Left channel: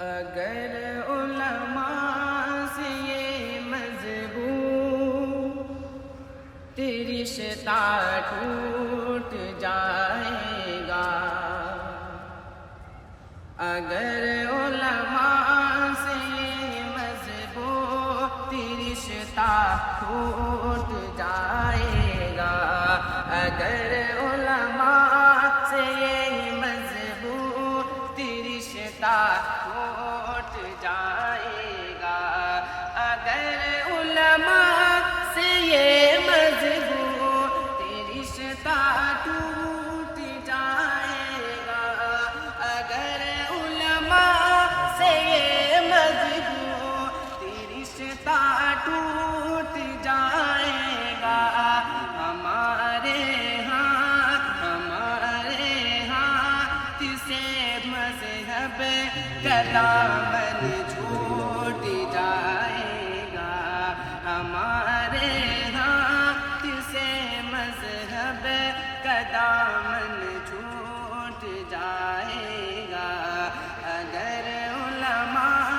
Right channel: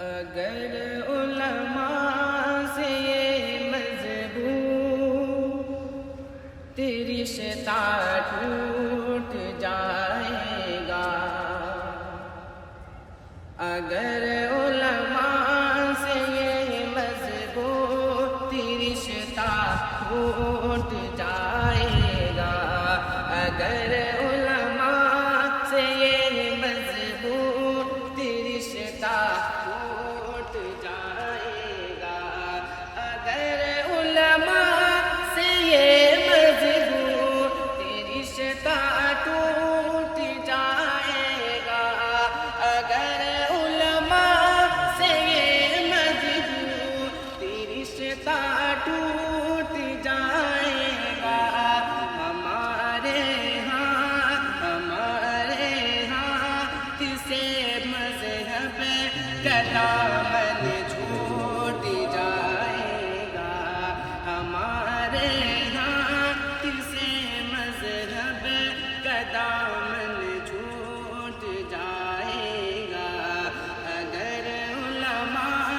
اگر علماء سے یہ مضبوط رشتہ ٹوٹ جائے گا، اگر علماء سے یہ مضبوط رشتہ ٹوٹ جائے گا، اگر علماء سے یہ مضبوط رشتہ ٹوٹ جائے گا، اگر علماء سے یہ مضبوط رشتہ ٹوٹ جائے گا، اگر علماء سے یہ مضبوط رشتہ ٹوٹ جائے گا، ہمارے ہاتھ سے مذہب کا دامن چھوٹ جائے گا، ہمارے ہاتھ سے مذہب کا دامن چھوٹ جائے گا، اگر علماء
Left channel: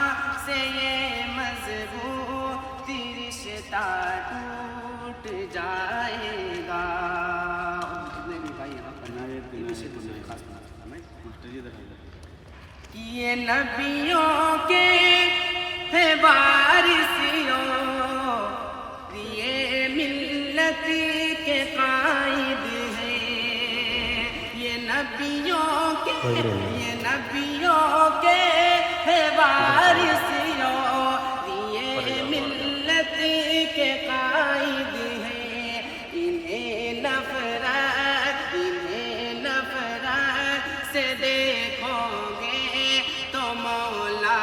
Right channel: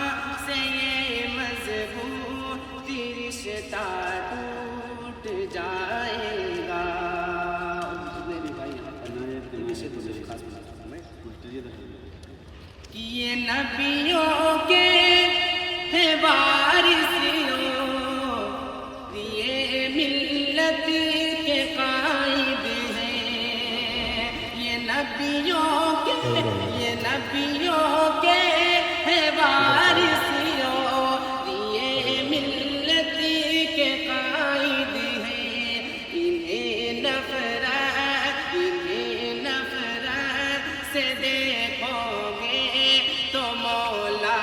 سے یہ مضبوط رشتہ ٹوٹ جائے گا۔ جتنے بھی بھائی یہاں پر خاص یہ نبیوں کے ہیں وارثوں، یہ ملت کے قائد ہیں، یہ نبیوں کے ہیں وارثوں، یہ ملت کے قائد ہیں، انہیں نفرت سے دیکھو گے تو مولا